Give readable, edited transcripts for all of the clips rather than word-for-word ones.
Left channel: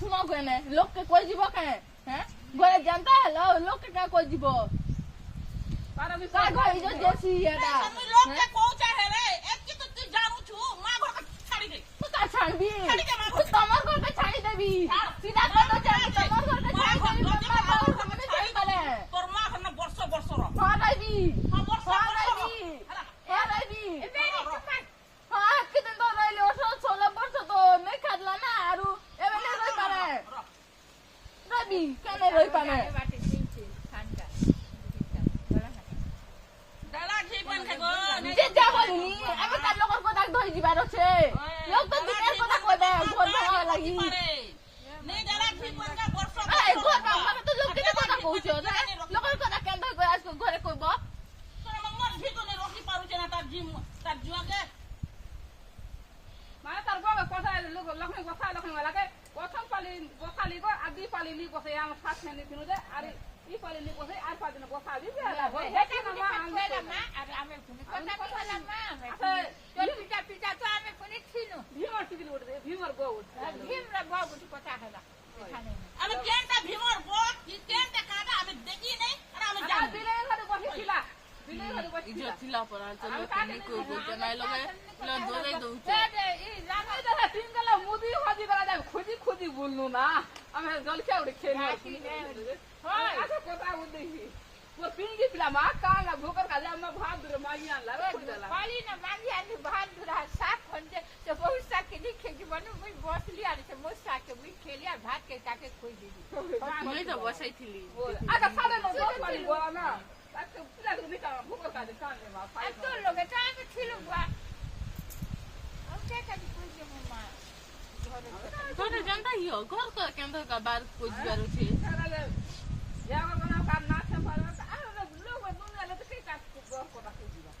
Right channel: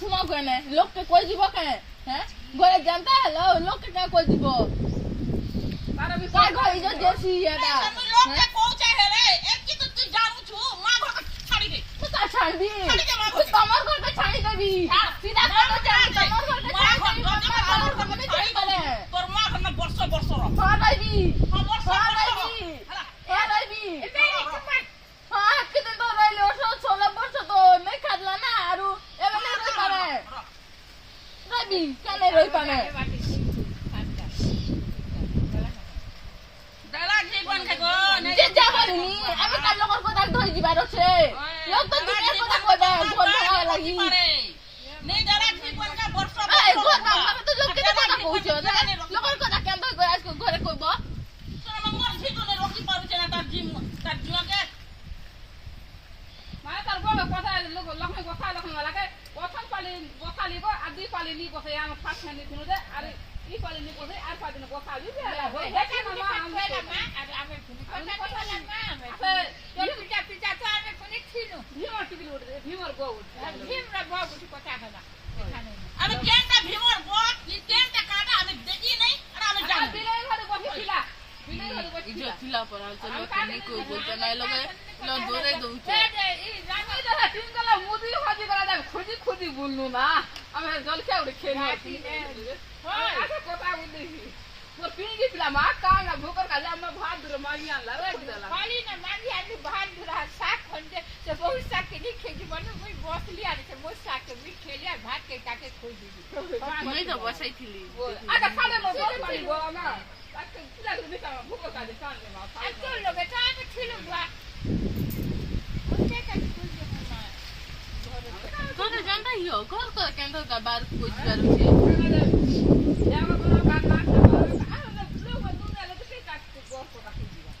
सुनो गने लोग के कोई जीवो के हैं घरे जानता है लोग के क्या कोई जीवो तारा भी काय घर जो जैसी है ना लोग के को चाहे रे एक की तो तू जानू छु मां घर के छाड़ी दे तो का छाड़ी तमर घर के छाड़ी देबी सीधा कर दो चाहे तमर घर के छाड़ी देबी पप्पा तमर घर में छाड़ी पड़े तोर मां घर में वर्ष रो हां दादी हां हाँ कितने तो रहे हो 16 वर्ष तो नहीं खादला ना आरु एबे नहीं रही पाने दादी क्या नहीं रही पाने दादा जीवन के गो जे जा बोलनी हमें काल लोग को दाग धोई दिबार छे लोग तो दुनिया को दाग कोई घर भगा लगी नहीं दादा जीवन का वर्ष ए घर में तो लोग कितने दाग पहुंचो लोग को दाग केंदा कोई आज को घरे कोई बा तो मर जी तो रोकी पारु छे ना तार जुआ के माने तार गो कोसा लोग लखन कोसा लखन वाला के प्रथम पाली को आदि पाली नी कोसा या फास्ट में नी दे अरे ई पाली नी कोसा आर पाली नी कोसा भी बेला हो देखे मामा हम अरे आमे कोसा कोसा मामा तो पिटा तो आमे कोनी खिनु भीमर टिकल उठ भीमर गो उठ भीमर गो उठ कोटा खला अरे केनटा भीमर गो ई केनटा काटा आमे देखी नहीं अरे आमे जान बिले घरे बसी खिला बिले घरे बसी इज्जत खिला पर चलो कनी कोई बोलते नहीं लोग लो दोरे दूचे ई जाने जरा तीन गला मुदी खोजी करा दे खोजी बोलनु ना हमें जल क्या उड़ खेनी होय अच्छा कोता उड़ी वो पीगी पिला मा कांगा भोकर का जाम भात दुर मागी आन ला दिला खाली ना मागी आन भात दुर साग खंजे तो बहुत साग के नहीं खेजी बनु मुई बसली आनी से मो साग के भी खेलिया भात के काके खोई दीदी मैं तो बसाई थी अच्छा खाने में बहुत पानी बोला ना ताकि पिला के बेटा भोकर का कान में मा अब तो लोग चाय में खिलू बुआ उनके का कोई जो तो जानता ही हो घर को केंद्र का बार कोई जरूर है या को ना काट काट लोग दुनिया ले तो काट के घर को रखी दिया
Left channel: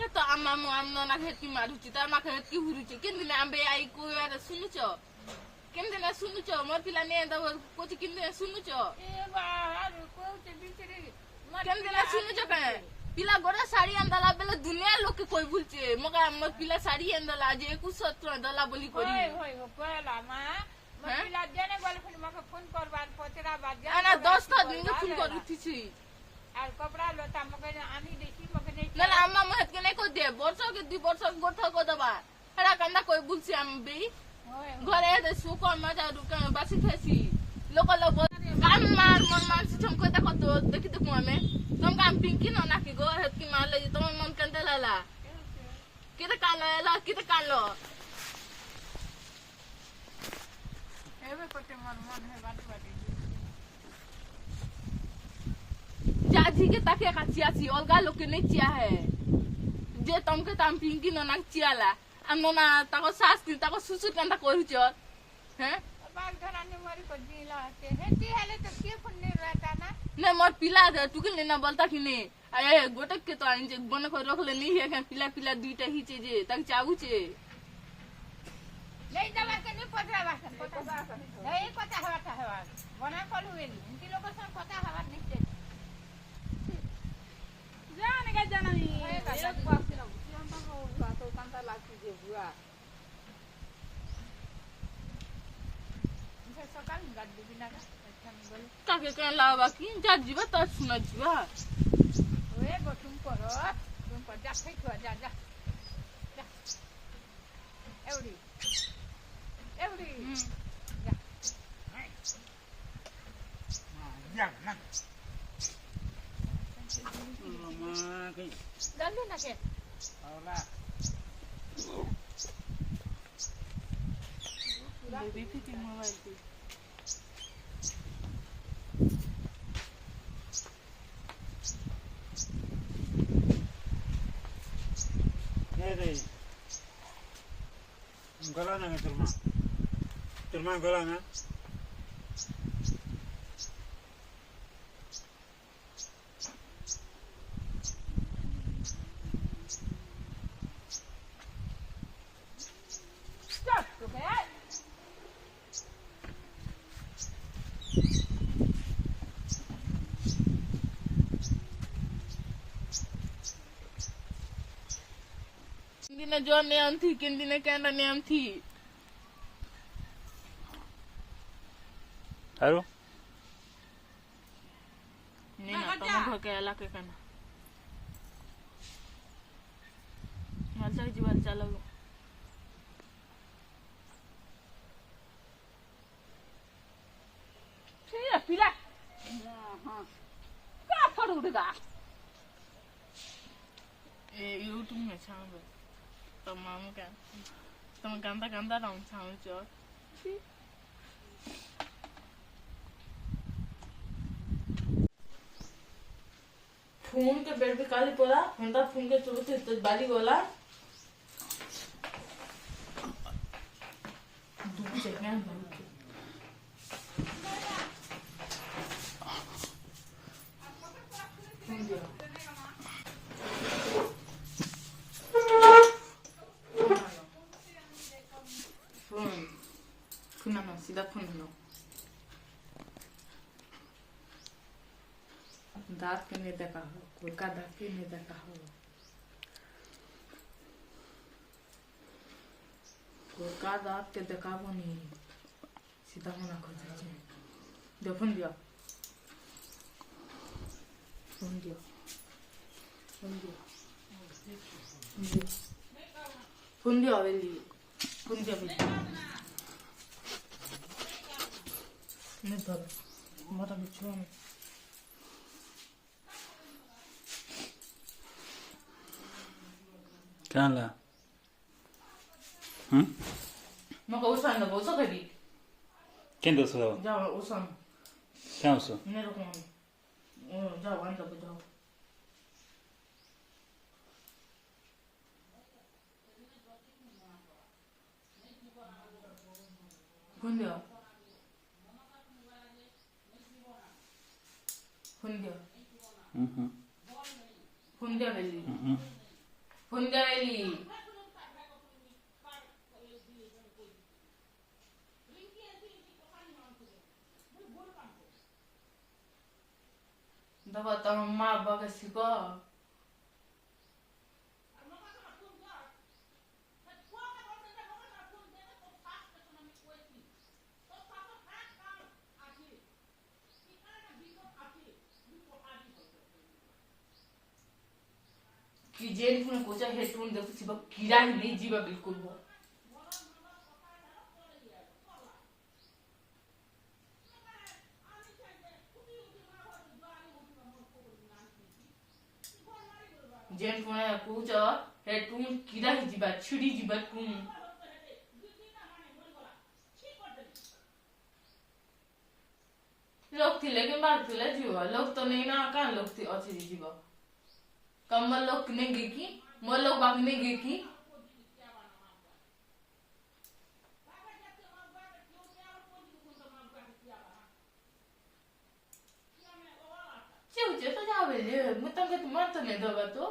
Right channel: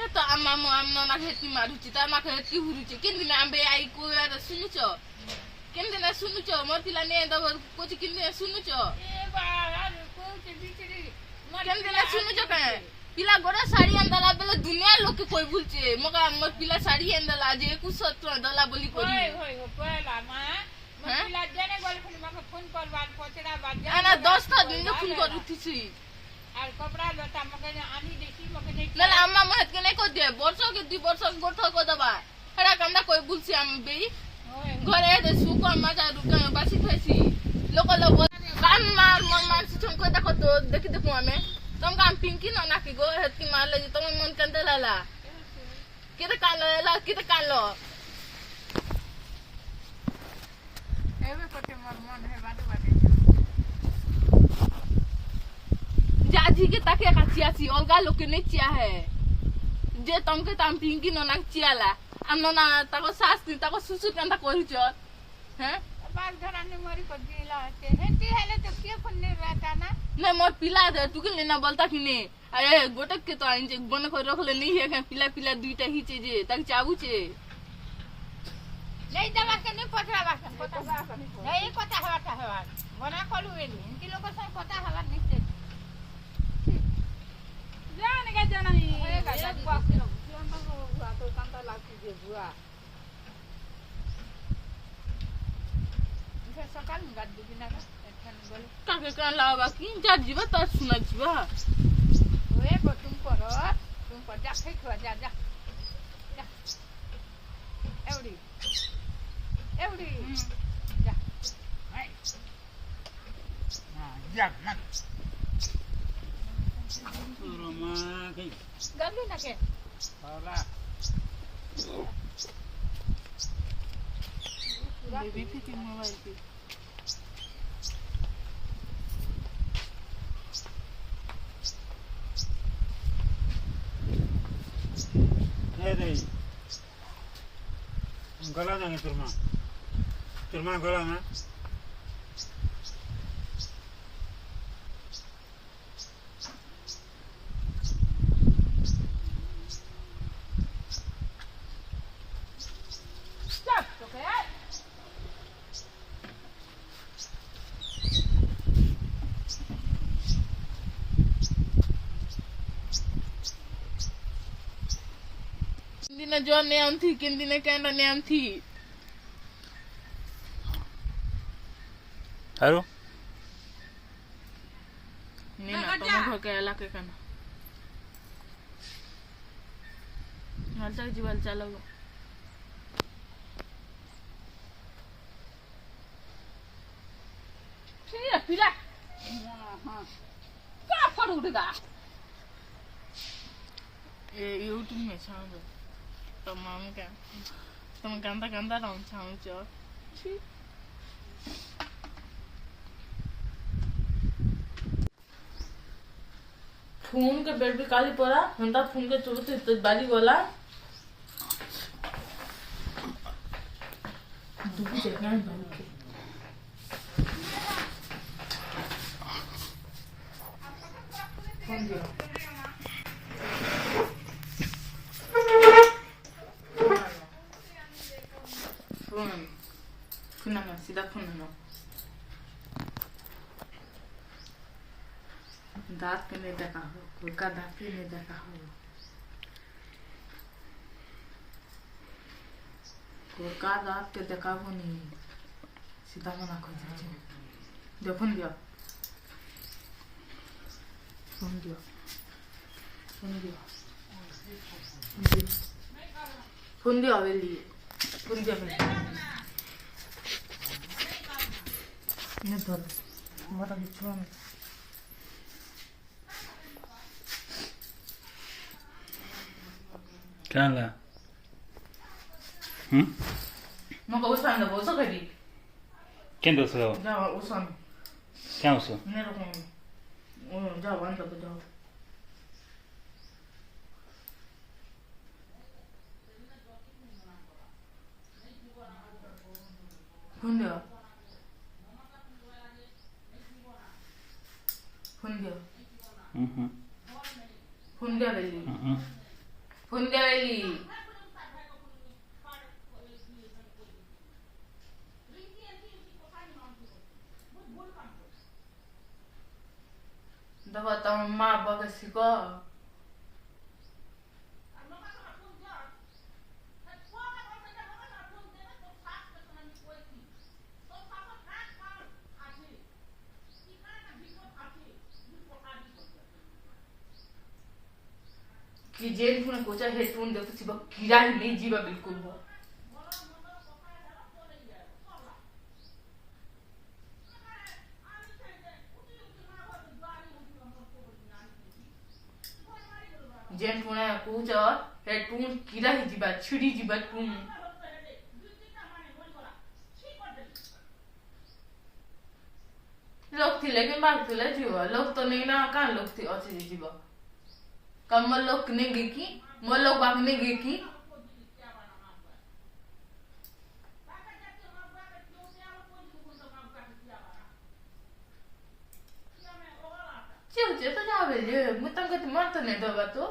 ये तो आम्मा ना खेती मारुची तार मा खेती हुरुची किन दिन आंबे आई को यार सुनुचो किन दिन सुनुचो मोर पिला ने दब कोची किन दिन सुनुचो ए बाहर को के बिचरी किन दिन सुनुचो के पिला गोरा साड़ी अंदला बेले दुनिया लोग के कोई बोलचे मगा मोर पिला साड़ी अंदला जे कुछ सत्र दला बोली कोरी होय पहला मां पिला जने बोले फिर मके फोन करवान पचरा बात ना 10 ता दिन फोन कर उठीसी और कपड़ा लता मके आनी देखी मके नहीं ना अम्मा महत के नहीं को दे वर्षों के 2 वर्ष गोठ को दबा हरा कंदा कोई बुलसी हम बे घरे दे सुको मजा रुका बासी खसी लोक लोग काम मार तुमको देखो तो देखि देखो हमें तुम काम पिंकी ना की गो हेत की मार लगी तुम मन कंदे लाला किते कालो एबे पटे मन है बाटे जाजी के ताके काचियासी अलगा लोग के नहीं चिया है जे तुमके ताम पिंकी ना चियाला अन्ना ताको सासती ताको सुसु कंदा करूचो हैं बाग धराने मरी को दिला है हेती हेले तो के फोन नहीं रहता ना नहीं मोर पिला दे तू के लेना बोलता कि नहीं अरे गोटक के तो आइन बन को रख ले नहीं है पिला दुईटा ही जे तक चाबू छे नहीं दवा के नहीं पटरा बासन पता नहीं पता हवा बना कलु एनी इनके लोग सब पता हवा नहीं से जाने का जाना नहीं एक बात से हम तो कांता लाती जे बुआ इसे सकाल में गाड़ी बिना का बोले ताके का लावा की जा जीवा त सुना जीवा ओए तुम पर जा फेंक जा जा एवडी जा जा ना गंदे ना के होला बेबी फिर मोबाइल पे ए रे गला ना तुरमा गला ना दिन जो नियम थी किन दिन कहना नियम थी હારું नहीं ना तुम घर के अला के करना हालचाल जीवाल चलो ठीक है पिला क्या फड़ उड़ेगा ये यूट्यूब में छाव तमाम क्या तुम गंदा गंदा राउंड छाव चो फोन के बेड पे काली पड़ा हंदा फोन के चलो तो बाली वाला दूर देखना है दूर के फोन दिया फोन ना सीधा फोन ना दांत के नहीं देखा हो कोई का दांत के नहीं देखा हो कोई का दांत के देखा हो नहीं सीधा मना कर दीजिए दे फोन दिया फोन दिया फोन दिया फोन दिया वेली फोन दिया वेली नहीं धर हमारा बिछुआ में क्या ला मग उसान दा बोलतो कधी कें दोसरो जा उसान क्या उसो नहीं रुको जाओ अंदर जाओ फोन दिया फोन दिया फोन दिया वेली फोन दिया वेली दबा तो माँ बाबा सिको कि जेल फोन कोचा हेडफोन देखो सिबा कीड़ा ही नहीं जीवा बिल्कुल हो जेल फोन कोचा हेडफोन कीड़ा ही जीवा छुरी जीवा तुम लोग थी लेकिन बात थी ले जीवा लोग तो नहीं ना कहाँ लोग थी अच्छे जीवा कमल लोग नहीं गई की मोल लोग बाग नहीं गई की तो जावे मुतंग तो मत नहीं दबा तो